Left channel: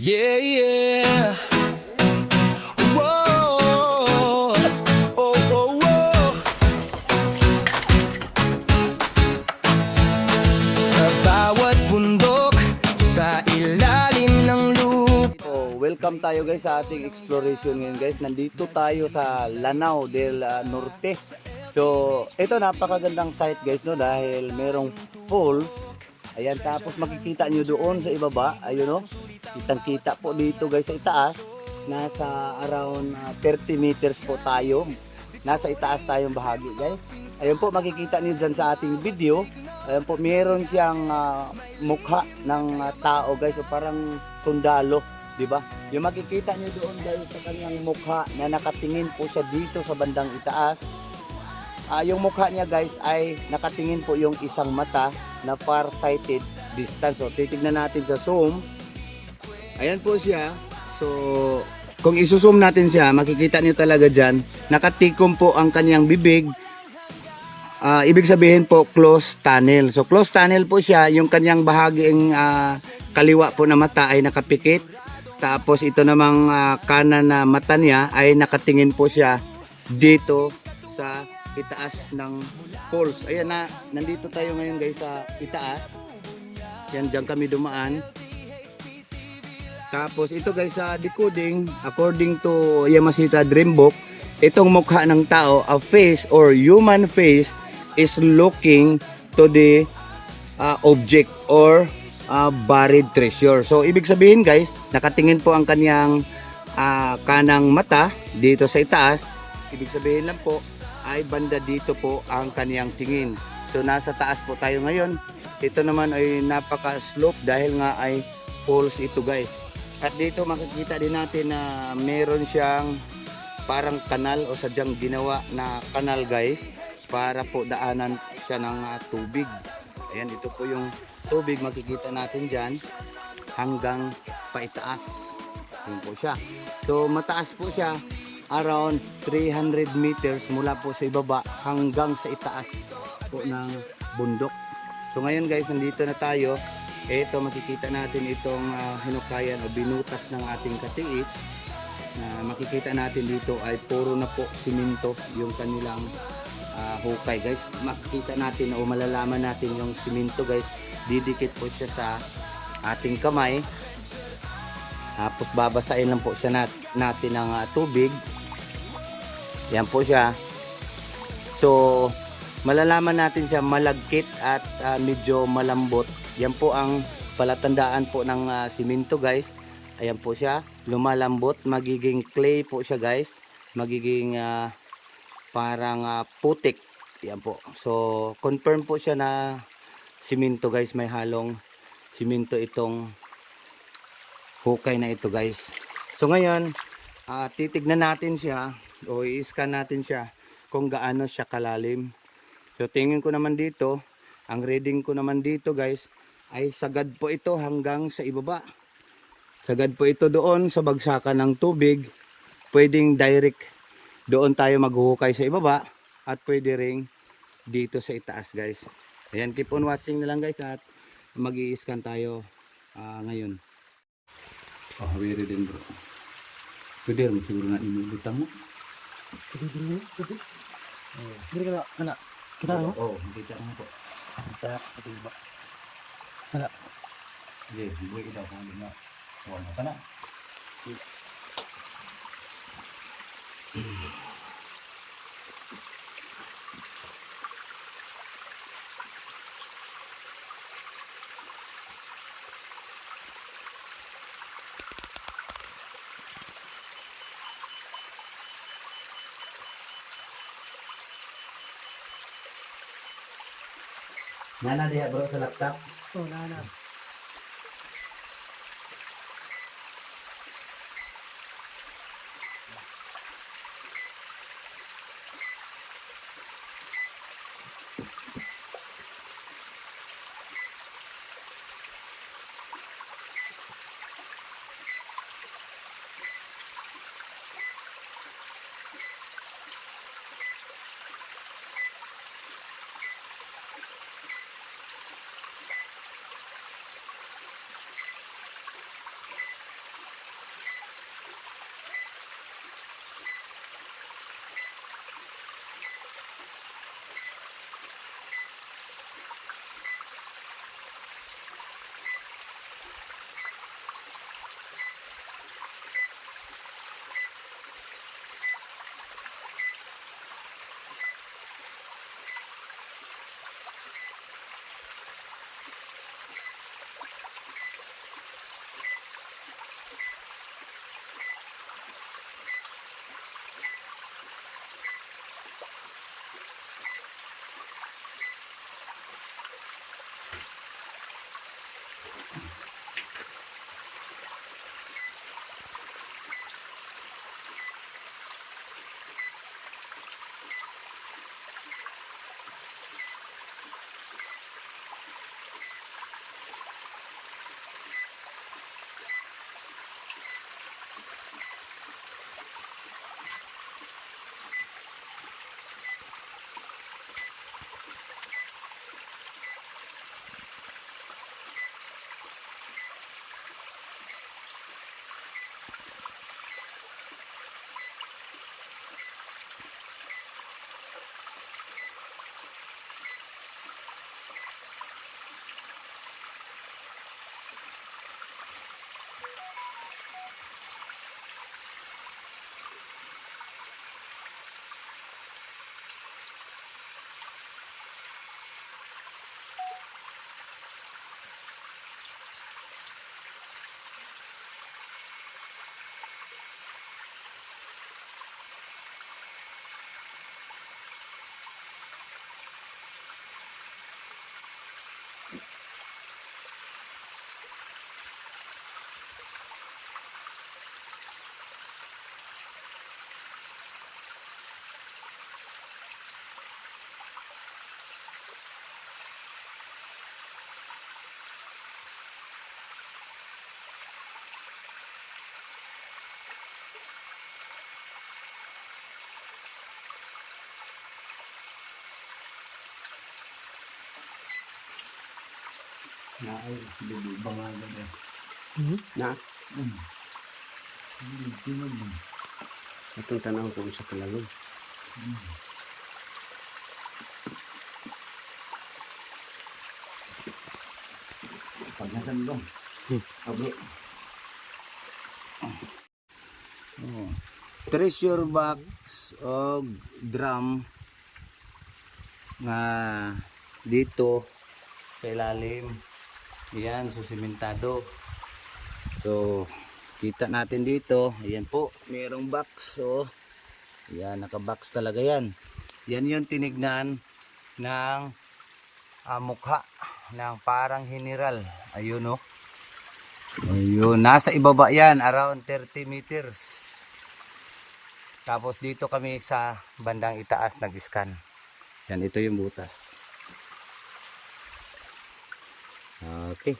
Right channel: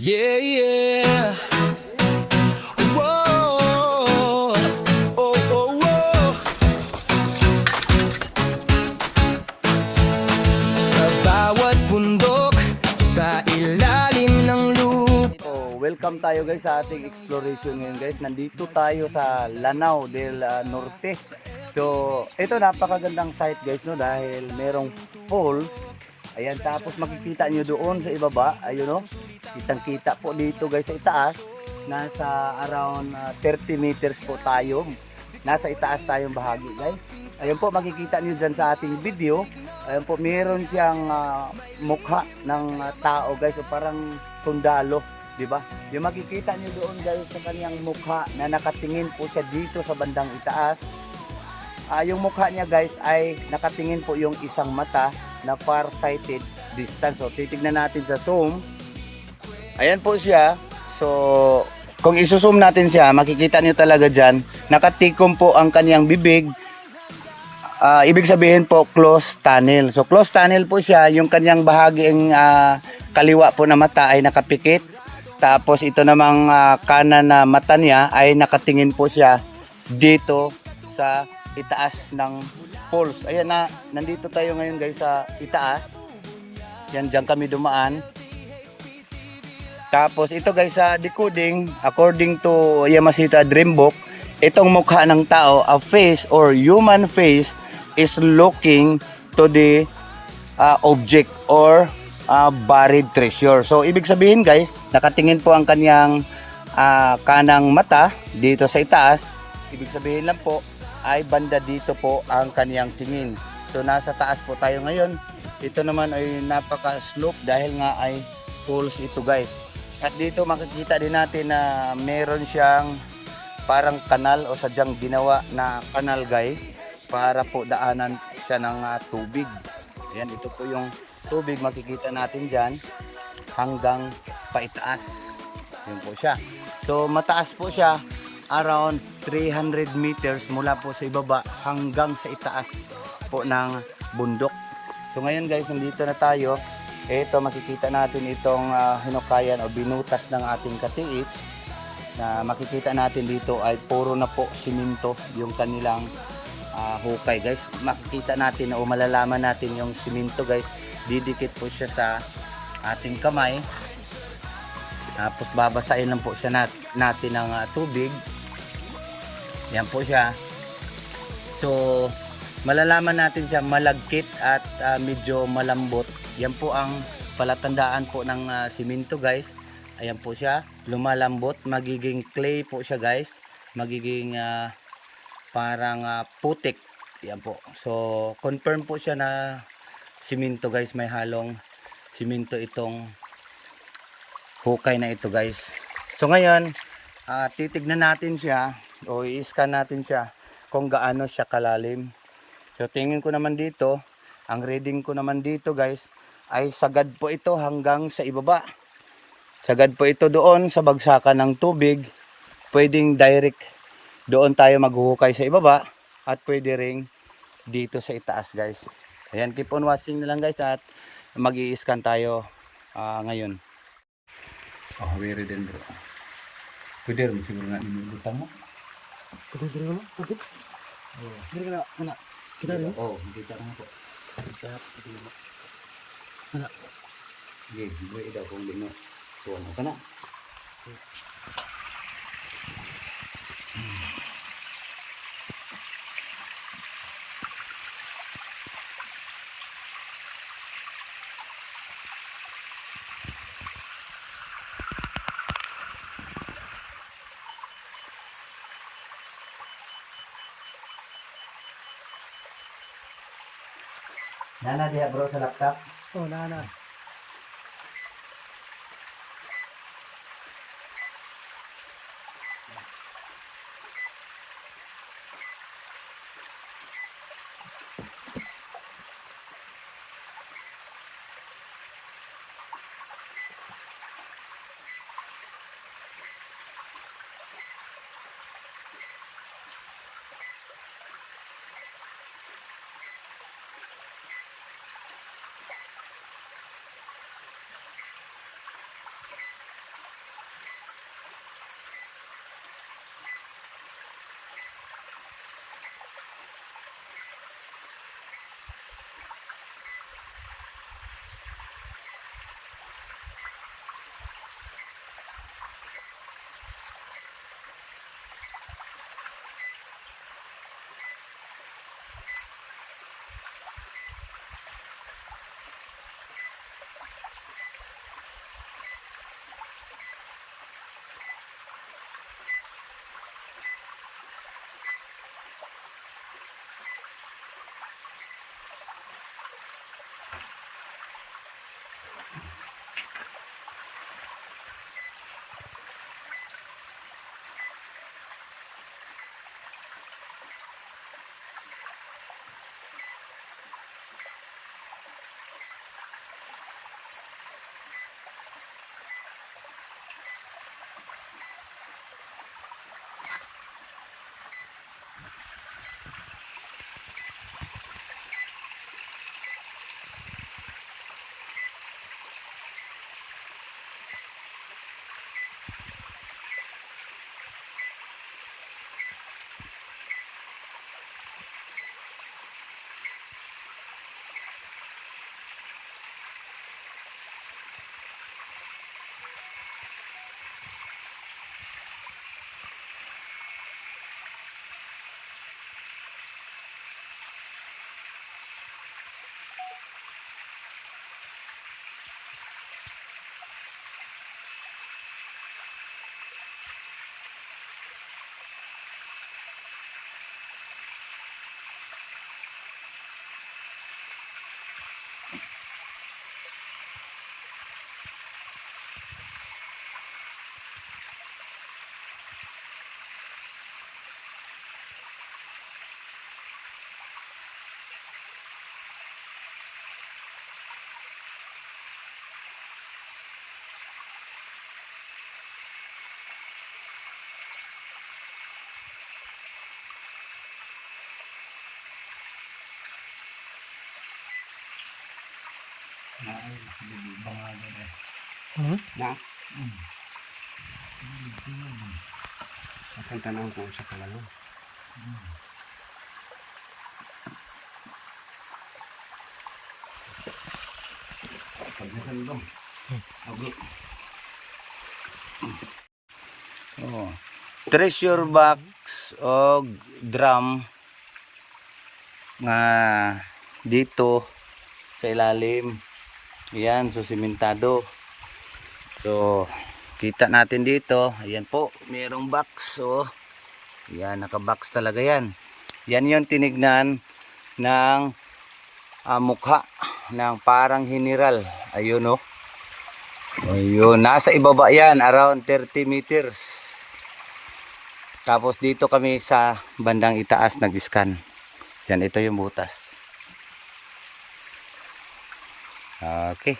Yeah, yeah. Whoa. Oh, oh, whoa. Sa bawat bundok, sa ilalim ng lupa. So, welcome tayo guys sa ating exploration ngayon guys. Nandito tayo sa Lanao del Norte. So, ito napakagandang site guys no dahil merong falls. Ayan, tapos makikita nyo doon sa ibaba, ayun no. Kitang-kita po dito guys sa itaas. Nasa around 30 meters po tayo. Nasa itaas tayong bahagi guys. Ayun po makikita nyo dyan sa ating video. Ayun po, meron siyang mukha ng tao guys, o parang sundalo, di ba? Yung makikita niyo doon guys sa kanyang mukha na nakatingin po siya dito sa bandang itaas. Yung mukha niya guys ay nakatingin po yung isang mata na far-sighted distance. So titignan natin sa zoom. Ayan po siya. So kung isusum natin siya, makikita niyo talaga diyan, nakatikom po ang kanyang bibig. Ibig sabihin po closed tunnel. So closed tunnel po siya, yung kanyang bahaging kaliwa po na mata ay nakapikit. Tapos ito namang kanan na mata niya ay nakatingin po siya dito sa itaas ng falls. Ayan na, nandito tayo ngayon guys sa itaas. Yan, dyan kami dumaan. Tapos ito guys sa decoding, according to Yamashita Dream Book, itong mukha ng tao, a face or human face is looking to the object or buried treasure. So ibig sabihin guys, nakatingin po ang kanyang kanang mata dito sa itaas. Ibig sabihin lang po ay banda dito po ang kaniyang tingin. So nasa taas po tayo ngayon. Ito naman ay napaka slope dahil nga ay falls ito guys. At dito makikita din natin na meron siyang parang kanal o sadyang ginawa na kanal guys, para po daanan siya ng tubig. Ayan, ito po yung tubig, makikita natin dyan hanggang paitaas. Yun po siya. So mataas po siya, around 300 meters mula po sa ibaba hanggang sa itaas po ng bundok. So ngayon guys, nandito na tayo. Ito makikita natin itong hinukayan o binutas ng ating katiits, na makikita natin dito ay puro na po siminto yung kanilang hukay guys. Makikita natin o malalaman natin yung siminto guys, didikit po siya sa ating kamay. Tapos babasain lang po siya natin ng tubig. Yan po siya. So malalaman natin siya malagkit at medyo malambot. Yan po ang palatandaan po ng siminto guys. Ayan po siya, lumalambot, magiging clay po siya guys. Magiging parang putik. Yan po. So confirm po siya na siminto guys, may halong siminto itong hukay na ito guys. So ngayon, titignan natin siya o i-scan natin siya kung gaano siya kalalim. So tingin ko naman dito, ang reading ko naman dito guys ay sagad po ito hanggang sa ibaba. Sagad po ito doon sa bagsakan ng tubig. Pwedeng direct doon tayo maghuhukay sa ibaba at pwede ring dito sa itaas guys. Ayan, keep on watching na lang guys at mag-i-scan tayo ngayon. Oh, very din bro. Pwede rin siguro na inilutang mo. Pwede naman, pwede. Oh. Pwede ka na, anak. Kita rin mo? Oo, makita mo po. Sa kasi ba? Anak. Sige, buhay daw kung hindi na. Tuwan mo ka na. Nana diya bro sa laptop. Oh, nana. Na ay bangagan eh. Hmm? Na. Atong tanong kung sa kalalog. Pagnasan dong. Ablo. Oh. Treasure box o drum nga dito sa ilalim. Yan, so simentado. So, kita natin dito. Ayan po, mayroong box. Oh. Yan, naka-box talaga yan. Yan yung tinignan ng mukha ng parang general. Ayun oh. Ayun, nasa ibaba yan, around 30 meters. Tapos dito kami sa bandang itaas nag-scan. Yan, ito yung butas. Okay.